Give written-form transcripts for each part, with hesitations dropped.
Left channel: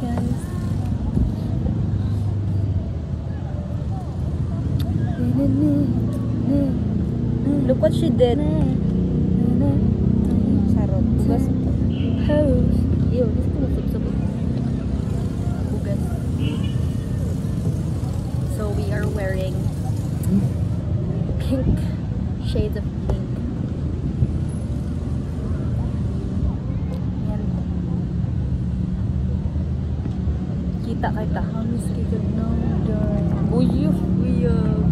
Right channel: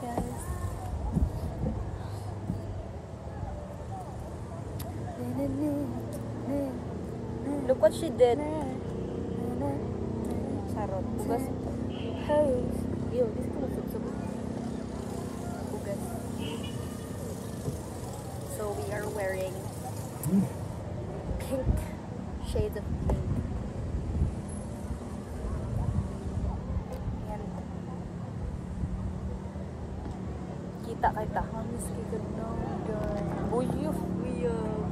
guys. Look what she did. Charot. Basta. Ew, this is kumutubsabog. Bugan. So we are wearing pink shades of pink. And kita kita. Hamis kita now, dyan. Uyuh. Buyog.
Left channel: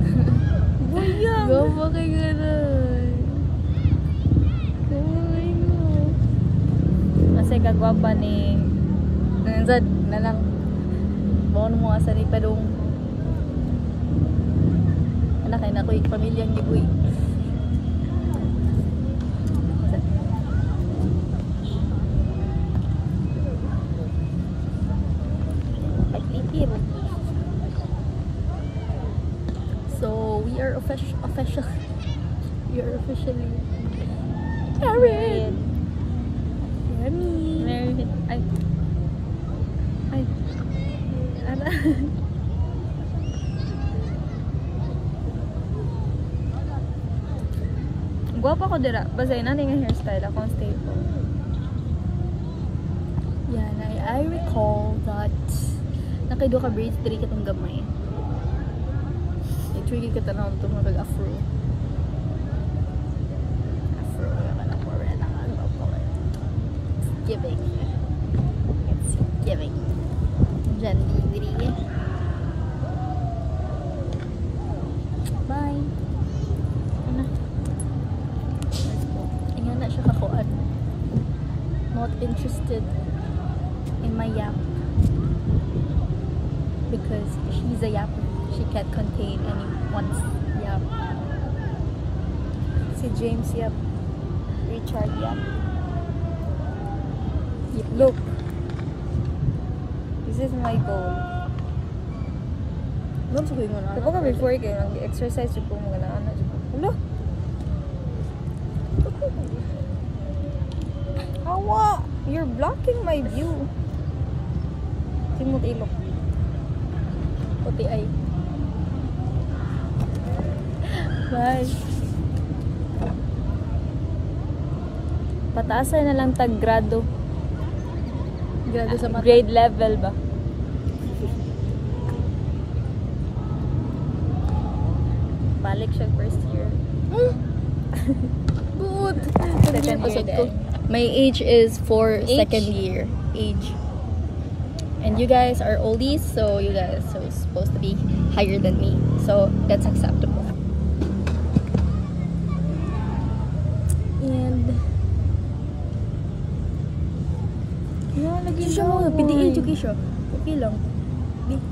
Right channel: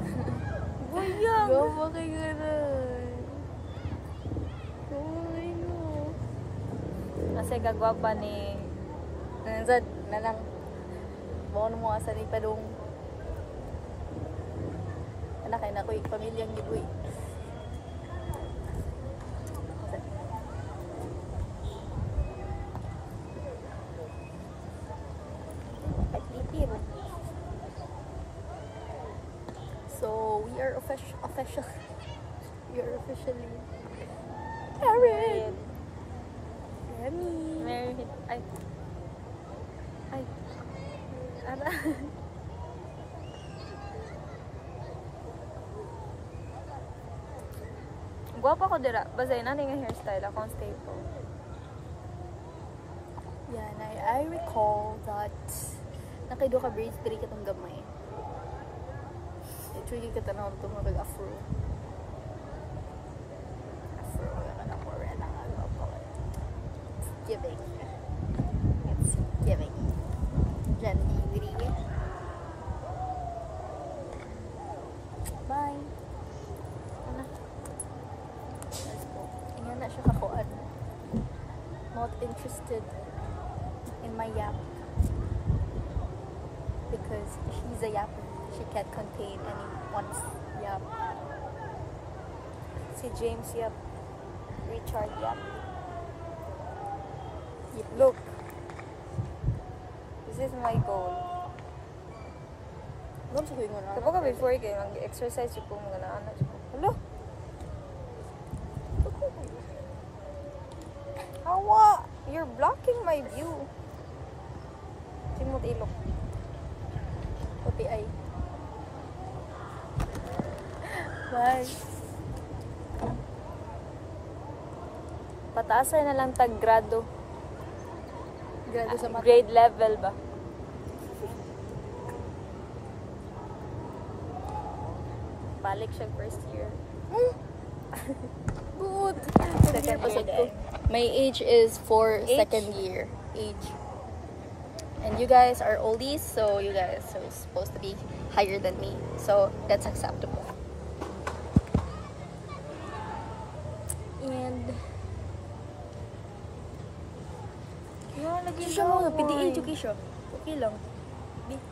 Buyog. Gawa kayo ganun. Ay, no. Kasi kagwapa ni Zad na lang. Baon mo asa ni Padong. Anak ay na ko yung pamilyang gibuy. So we are official. We are officially married. Married. Ay. Ay. Ara. Guwapa ko dira. Basay na nga hairstyle akong staple. Yan, I recall that nakaido ka braids diri katong gamay. I-trigger ka tanong ito mga afro. Afro. Wala na mo rin ang ano pa. Giving. It's giving. Gently diri. Bye. Ano? Let's go. Inga na siya kakuan. Not interested in my yap. Because she's a yapper. She can't contain anyone's yap. Si James Yap. Richard Yap. Look. This is my goal. Ano sa kuya mo na? Kapag ka before kayo, mag-exercise yung po mga na-anak yung po. Hello? Hawa! You're blocking my view. Simot ilok. Puti ay. Bye. Pataasay na lang tag grado. Grado sa mata. Grade level ba? Balik siya first year. Good. Second year din. My age is for Age? second year. Age. And you guys are oldies, so you guys are supposed to be higher than me. So that's acceptable. And Lagi siya mo, pwede education. Okay lang. Di-